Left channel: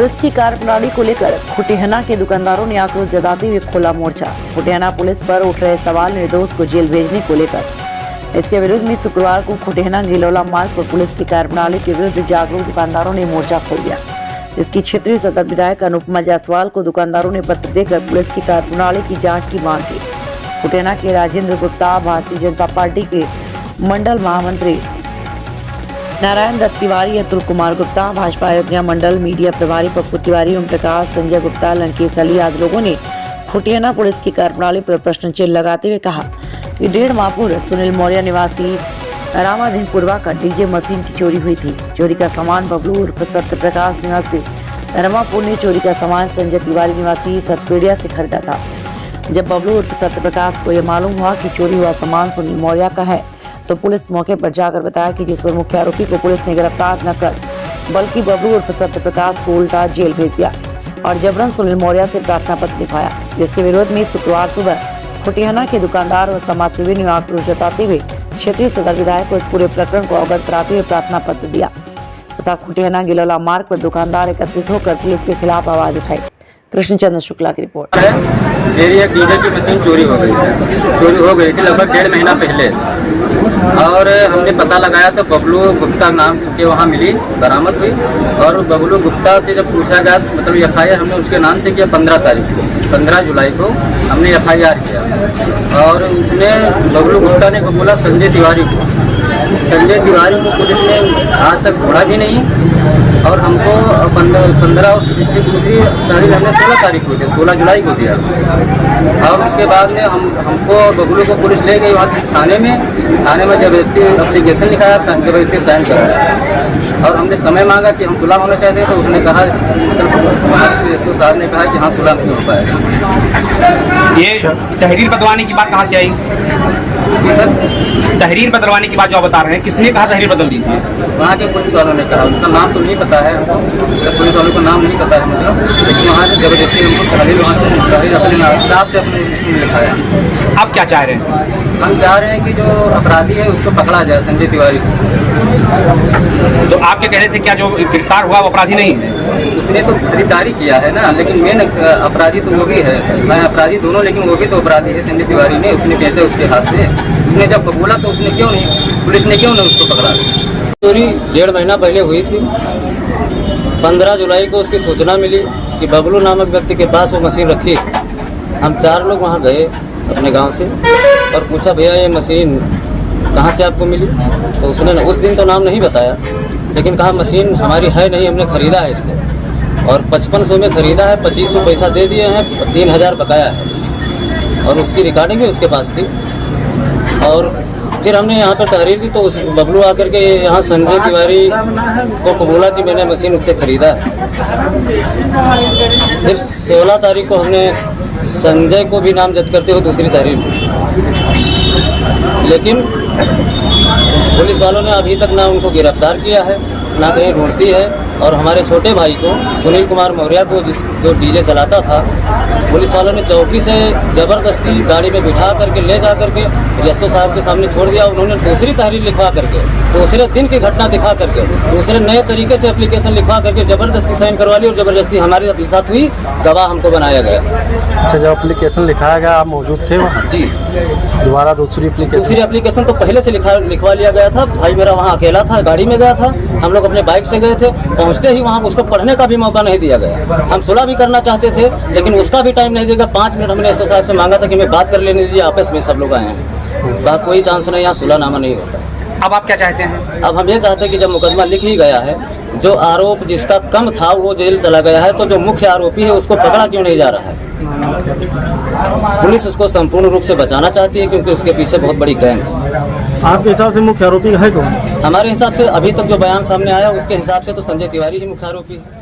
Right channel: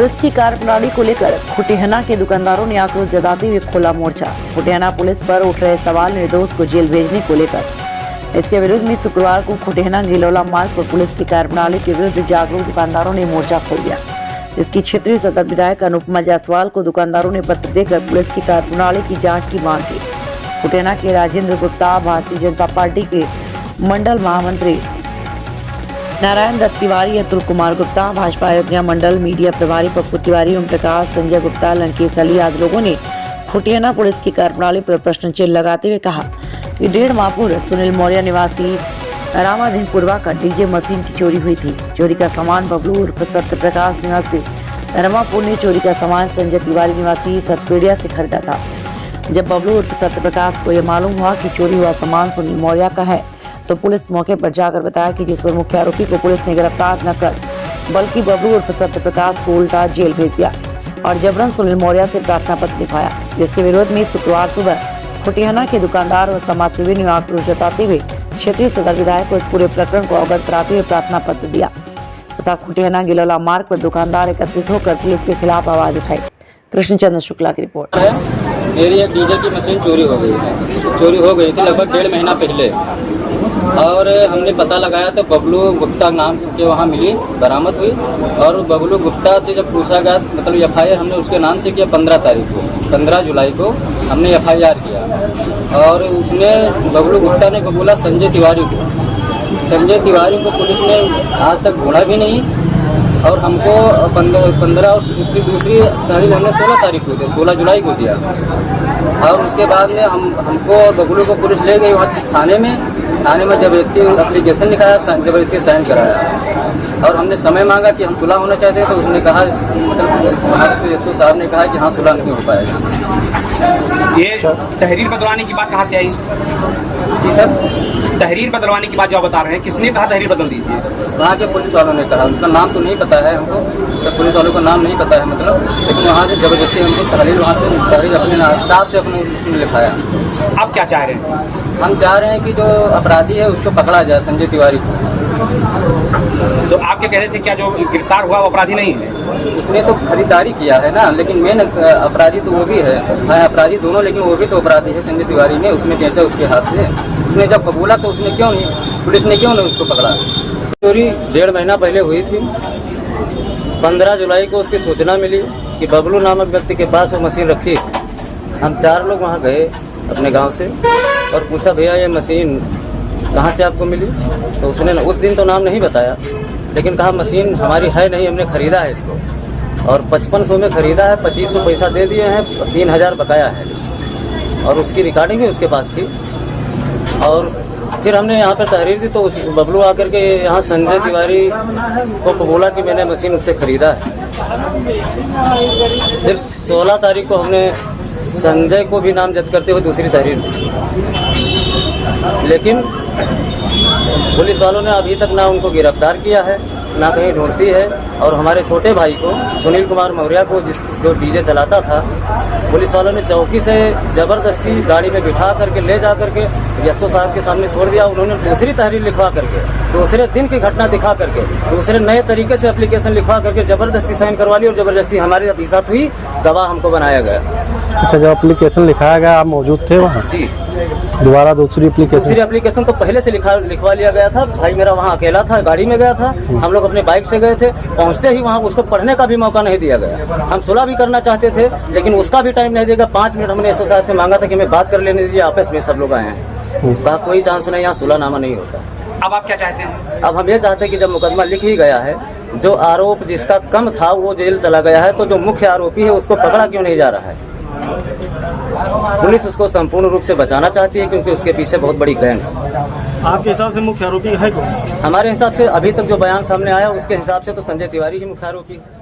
Police की कार्यप्रणाली को लेकर खुटियाना के दुकानदारों ने आक्रोश जताते हुए खोला मोर्चा। खुटियाना पुलिस पर उठ रहे सवाल निर्दोष को जेल भेजने को लेकर। इसके विरोध में शुक्रवार को खुटियाना गिलोला मार्ग पर पुलिस की कार्यप्रणाली के विरुद्ध जागरूक दुकानदारों ने मोर्चा खोल दिया। इसकी क्षेत्रीय सदर विधायक अनुपमा जायसवाल को दुकानदारों ने पत्र देकर पुलिस की कार्यप्रणाली की जाँच की मांग की। खुटियाना के राजेंद्र गुप्ता, भारतीय जनता पार्टी के मंडल महामंत्री नारायण दत्त तिवारी, अतुल कुमार गुप्ता, भाजपा अयोध्या मंडल मीडिया प्रभारी पप्पू तिवारी, ओम प्रकाश, संजय गुप्ता, लंकेश अली आदि लोगों ने खुटियाना पुलिस की कार्यप्रणाली पर प्रश्न चिन्ह लगाते हुए कहा कि 1.5 माह पूर्व सुनील मौर्य निवासी रामाधीनपुरवा का डीजे मशीन की चोरी हुई थी। चोरी का सामान बबलू उर्फ सत्य प्रकाश निवासी रमापुर ने चोरी का सामान संजय तिवारी निवासी सतपेड़िया से खरीदा था। जब बबलू उर्फ सत्य प्रकाश को यह मालूम हुआ कि चोरी हुआ सामान सुनील मौर्य का है तो पुलिस मौके पर जाकर बताया कि जिस पर मुख्य आरोपी को पुलिस ने गिरफ्तार न कर बल्कि बबलू उर्फ सत्य प्रकाश को उल्टा जेल भेज दिया और जबरन सुनील मौर्य से प्रार्थना पत्र लिखवाया, जिसके विरोध में शुक्रवार सुबह खुटियाना के दुकानदार व समाजसेवी ने आक्रोश जताते हुए क्षेत्रीय सदर विधायक को इस पूरे प्रकरण को अवगत कराते हुए प्रार्थना पत्र दिया तथा खुटियाना गिलोला मार्ग पर दुकानदार एकत्रित होकर पुलिस के खिलाफ आवाज उठाई। कृष्णचंद्र शुक्ला की रिपोर्ट। मेरी एक डीजे की मशीन चोरी हो गई थी लगभग 1.5 महीना पहले और हमने पता लगाया तो बबलू गुप्ता नाम के वहाँ मिली, बरामद हुई और बबलू गुप्ता से जब पूछा गया मतलब FIR हमने उसके नाम से किया 15 जुलाई को हमने FIR किया और उसमें बबलू गुप्ता ने बोला संजय तिवारी को पुलिस ने आज तक ढूंढा भी नहीं और हमको 15 और दूसरी तारीख हमने 16 तारीख को दी, 16 जुलाई को दिया और उसके बाद में हमको बबलू को पुलिस ले गई वहाँ से थाने में जब व्यक्ति एप्लीकेशन लिखाया जब व्यक्ति साइन कराया और हमने समय मांगा कि हम सुलह होना चाहते हैं तो उसने कहा SO साहब ने कहा कि हाँ सुलह नहीं हो पाया। ये तहरीर बदलवाने की बात कहाँ से आई? जी सर, तहरीर बदलवाने की बात जो आप बता रहे हैं, किसने कहा तहरीर बदल दीजिए? वहाँ के पुलिस वालों ने कहा, उनका नाम तो नहीं पता है हमको, सब पुलिस वालों का नाम नहीं पता है मतलब, लेकिन वहाँ से जबरदस्ती हमको तहरीर वहाँ से अपने हिसाब से अपने लिखाया। आप क्या चाह रहे हैं? हम चाह रहे हैं कि जो अपराधी है उसको पकड़ा जाए, संजय तिवारी को। तो आपके कहने से क्या जो गिरफ्तार हुआ वो अपराधी नहीं है? उसने तो खरीदारी किया है ना, लेकिन मेन अपराधी तो वो भी है, अपराधी दोनों, लेकिन वो भी तो अपराधी है संजय तिवारी ने, उसने बेचा उसके हाथ से। उसने जब बोला तो उसने क्यों नहीं, पुलिस ने क्यों नहीं उसको पकड़ा? चोरी 1.5 महीना पहले हुई थी। 15 जुलाई को उसकी सूचना मिली कि बबलू नामक व्यक्ति के पास वो मशीन रखी। हम 4 लोग वहाँ गए अपने गांव से और पूछा भैया ये मशीन कहाँ से आपको मिली? तो उसने उस दिन तो नाम नहीं बताया, लेकिन कहा मशीन हमारी है नहीं, हमने ख़रीदा है इसको और 5500 में ख़रीदा है, 2500 पैसा दे दिए हैं, 3000 बकाया है और उसकी रिकॉर्डिंग भी उसके पास थी। और फिर हमने यहाँ पर तहरीर दी तो उस बबलू आकर के यहाँ संजय तिवारी को कबूला कि मैंने मशीन उससे ख़रीदा है। फिर 16 तारीख को हमने संजय को भी नामजद करते हुए दूसरी तहरीर दी, लेकिन पुलिस वालों ने अभी तक ना उनको गिरफ्तार किया है ना कहीं ढूंढती है। और हमारे छोटे भाई को सुनील कुमार मौर्य को जो डीजे चलाता था, पुलिस वालों ने चौकी से ज़बरदस्ती गाड़ी में बिठा करके ले जा करके SO साहब के सामने छोड़ दिया। उन्होंने दूसरी तहरीर लिखवा करके, दूसरे दिन की घटना दिखा करके, दूसरे नए तरीके से एप्लीकेशन लिखवा करके ज़बरदस्ती साइन करवा ली और ज़बरदस्ती हमारे साथ हुई, गवाह हमको बनाया गया। अच्छा, जो एप्लीकेशन लिखाया गया आप मौजूद थे वहाँ? जी। दोबारा दूसरी एप्लीकेशन तो पहले से लिखवा लिया गया था। भाई मेरा वहाँ अकेला था, गाड़ी में गया था, हम लोग अपने बाइक से गए थे। पहुँचते ही वहाँ उसको पढ़ने का भी मौका नहीं दिया गया। हम सुलह भी करना चाहते थे लेकिन उसका भी टाइम नहीं दिया गया। 5 मिनट हमने SO साहब से मांगा था कि हमें बात कर लेने दीजिए, आपस में सब लोग आए हैं, कहा कोई चांस नहीं, यहाँ सुलहनामा नहीं होता। अब आप क्या चाहते हैं? अब हम ये चाहते हैं कि जब मुकदमा लिख ही गया है, जो आरोप जिसका कम था वो जेल चला गया है, तो जो मुख्य आरोपी है उसको पकड़ा क्यों नहीं जा रहा है? पुलिस उसको संपूर्ण रूप से बचाना चाहती है क्योंकि उसके पीछे बहुत बड़ी गैंग है। आपके हिसाब से मुख्य आरोपी है कौन? हमारे हिसाब से अभी तक जो बयान सामने आया उसके हिसाब से तो संजय तिवारी ही मुख्य आरोपी है।